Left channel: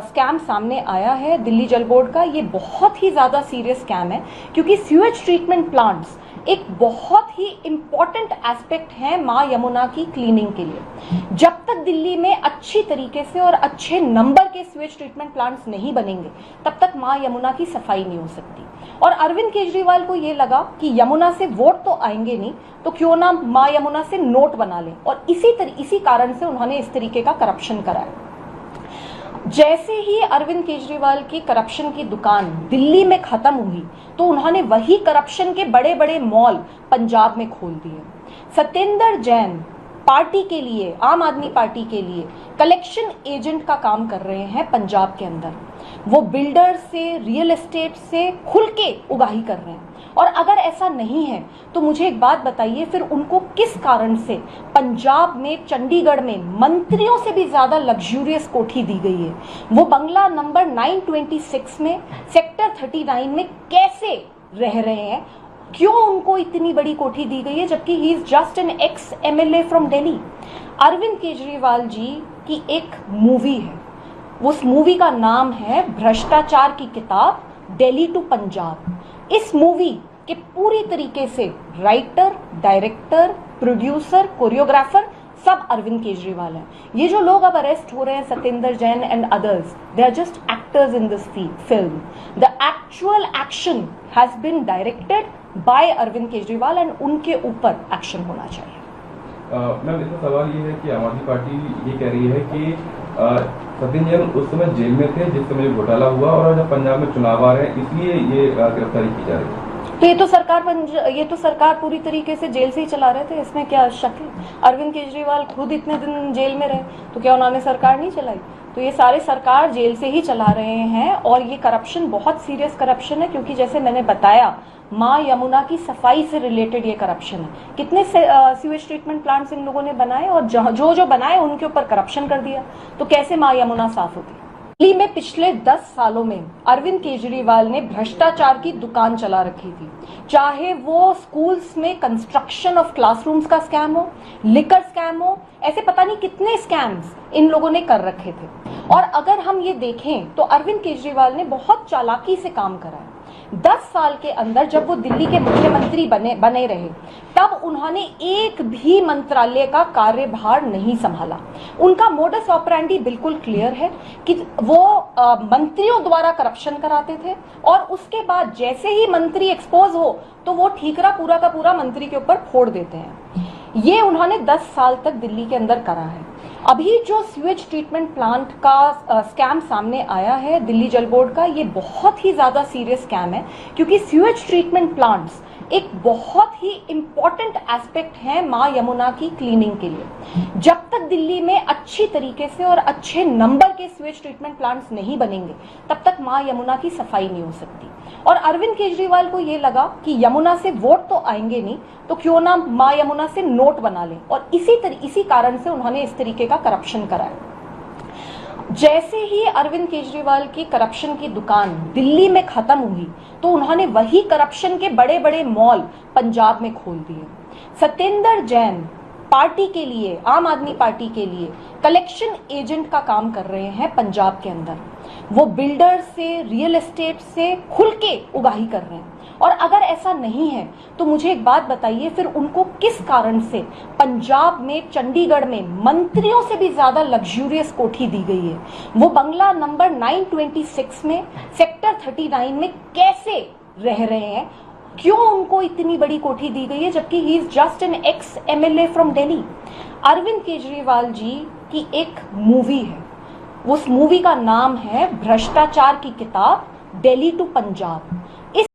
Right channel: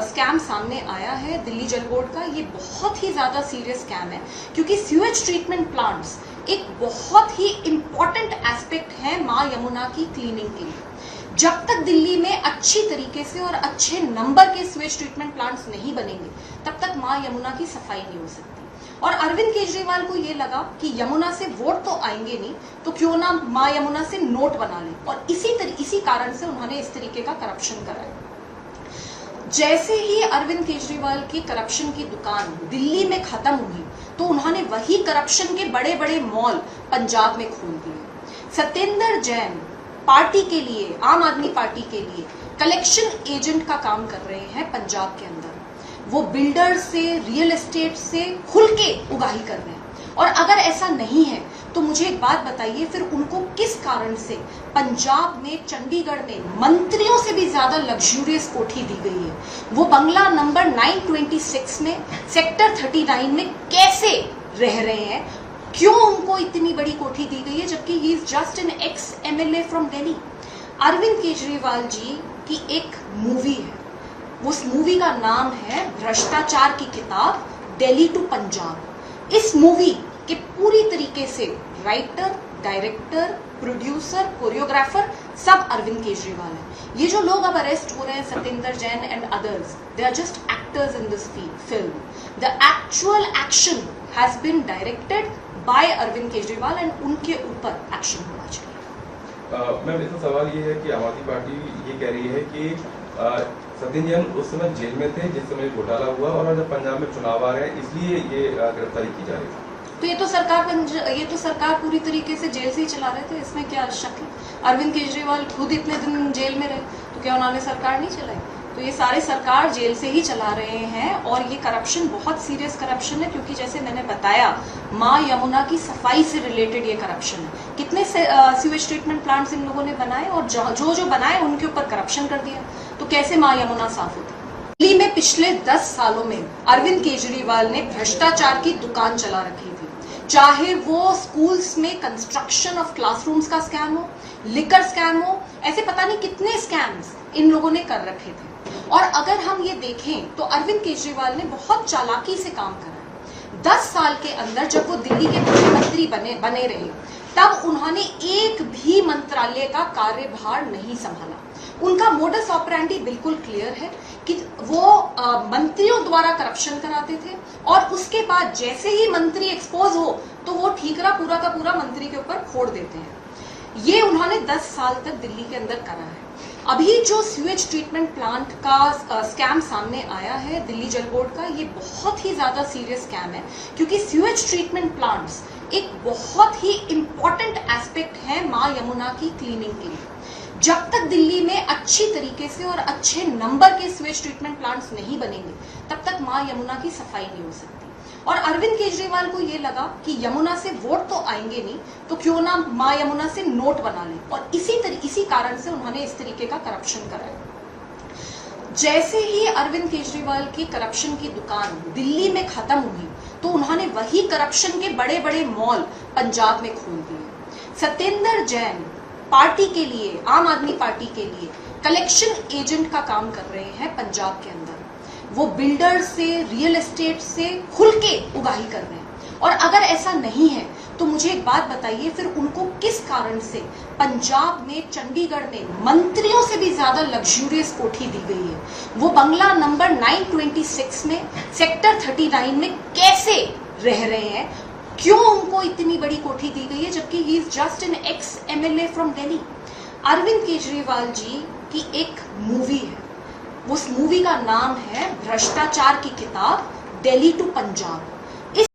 Scam सामने आया है दिल्ली जल बोर्ड का, ये बहुत ही ज़्यादा सीरियस स्कैम है क्योंकि सीवेज ट्रीटमेंट प्लांट्स एक बहुत ही इम्पॉर्टेंट एस्पेक्ट है माँ यमुना की क्लीनिंग के लिए। जब तक दिल्ली में अच्छी तरीके से और अच्छे नंबर के सीवेज ट्रीटमेंट प्लांट्स नहीं बनेंगे तब तक माँ यमुना की सफाई नहीं हो सकती। और अरविंद केजरीवाल को ये लगा कि यमुना से वोट तो आएंगे नहीं तो क्यों ना माँ यमुना से नोट बना लें, और इसी कारण से उन्होंने इस तरीके का करप्शन कराया। जैसे ही अरविंद केजरीवाल की करप्शन की दुकान दिल्ली में खत्म हुई तो उन्होंने वही करप्शन के बड़े बड़े मॉल पंजाब में खोल दिए। सत्येंद्र जैन पार्टी के लिए, आम आदमी पार्टी के लिए कलेक्शन एजेंट का काम कर रहे हैं पंजाब के अंदर। वो बिल्डर से, रियल एस्टेट से खुल के उगाही कर रहे हैं। और अगर ऐसा नहीं है तो मुझे एक बात बताइए, फिर उनको किस कारण से पंजाब में, चंडीगढ़ में मंत्रियों से भी ज्यादा लग्जूरियस कोठी दी गई है? वो बंगला नंबर 926 में, सेक्टर 39 में कैसे रह रहे हैं? क्यों उनको इतनी बड़ी कोठी दी गई है जबकि he is just an ex MLA from Delhi? Arvind Kejriwal ji की एक मूवी है, उस मूवी का नाम है भ्रष्टाचार की किताब, दिल्ली टू पंजाब। इस मूवी के पूरी तरीके से राइटर, डायरेक्टर, प्रोड्यूसर, कोरियोग्राफर सब अरविंद केजरीवाल हैं। ये जो लोग अब अरेस्ट हो रहे हैं, Satyendra Jain and others, they are just actors in this film. The actual action has been directed by Arvind Kejriwal and उनके ऊपर एक्शन होना चाहिए। मैम, इसमें सवाल ये है कि आम आदमी पार्टी ये कह रही है कि सत्येंद्र जैन उस समय जेल में थे जिस समय घोटाला हुआ, और जब पंजाब में चुनाव आ रहे हैं इसलिए ये गिरफ्तारी की जा रही है। तो ये तो सरकार पूरी तरीके से जेल से ही चला रहे थे, इसमें क्या शक है? अरविंद केजरीवाल खुद इतने दिन जेल में रहे तो क्या उन्होंने सरकार नहीं चलाई? तो ये सारे सरकार जेल से ही चला रहे हैं। और ये करप्शन बहुत सीरियस करप्शन है क्योंकि जैसे मैंने बताया, माँ यमुना की सफाई से रिलेटेड ये करप्शन है। कितने सीवेज ट्रीटमेंट प्लांट्स इन लोगों ने बनाए और जो बनाए उनके ऊपर करप्शन कर दिया, तो कैसे माँ यमुना साफ होती? दिल्ली में पिछले 10 सालों में अरविंद केजरीवाल ने भ्रष्टाचार की दुकान चला रखी थी, चाहे वो स्कूल्स में कंस्ट्रक्शन ऑफ क्लासरूम्स का स्कैम हो, लिकर स्कैम हो, ऐसे पता नहीं कितने स्कैम्स इन लोगों ने कर रखे थे। और अगर हम ये देखें तो अरविंद केजरीवाल ने बहुत चालाकी से काम करा है। 10 साल के अंदर जब वो दिल्ली के मुख्यमंत्री बने रहे तब उन्होंने एक भी मंत्रालय का कार्यभार नहीं संभाला। उनका मोडस ऑपरेंडी बिल्कुल क्लियर है कि वो मंत्रियों द्वारा करप्शन कराते थे और उसके बाद जैसे ही मंत्री एक्सपोज हो तो वो ठीकरा पूरा का पूरा मंत्री के ऊपर फोड़ देते हैं। ये उन्होंने 10 साल तक दिल्ली के अंदर करा है। अभी जो सीवेज ट्रीटमेंट प्लांट का स्कैम सामने आया है दिल्ली जल बोर्ड का, ये बहुत ही ज्यादा सीरियस स्कैम है क्योंकि सीवेज ट्रीटमेंट प्लांट्स एक बहुत ही इम्पॉर्टेंट एस्पेक्ट है माँ यमुना की क्लीनिंग के लिए। जब तक दिल्ली में अच्छी तरीके से और अच्छे नंबर के सीवेज ट्रीटमेंट प्लांट्स नहीं बनेंगे तब तक माँ यमुना की सफाई नहीं हो सकती। और अरविंद केजरीवाल को ये लगा कि यमुना से वोट तो आएंगे नहीं तो क्यों ना माँ यमुना से नोट बना लें, और इसी कारण से उन्होंने इस तरीके का करप्शन कराया। जैसे ही अरविंद केजरीवाल की करप्शन की दुकान दिल्ली में खत्म हुई तो उन्होंने वही करप्शन के बड़े बड़े मॉल पंजाब में खोल दिए। सत्येंद्र जैन पार्टी के लिए, आम आदमी पार्टी के लिए कलेक्शन एजेंट का काम कर रहे हैं पंजाब के अंदर। वो बिल्डर से, रियल एस्टेट से खुल के उगाही कर रहे हैं। और अगर ऐसा नहीं है तो मुझे एक बात बताइए, फिर उनको किस कारण से पंजाब में, चंडीगढ़ में मंत्रियों से भी ज्यादा लग्जूरियस कोठी दी गई है? वो बंगला नंबर 926 में, सेक्टर 39 में कैसे रह रहे हैं? क्यों उनको इतनी बड़ी कोठी दी गई है जबकि he is just an ex MLA from Delhi? Arvind Kejriwal ji की एक मूवी है, उस मूवी का नाम है भ्रष्टाचार की किताब, दिल्ली टू पंजाब।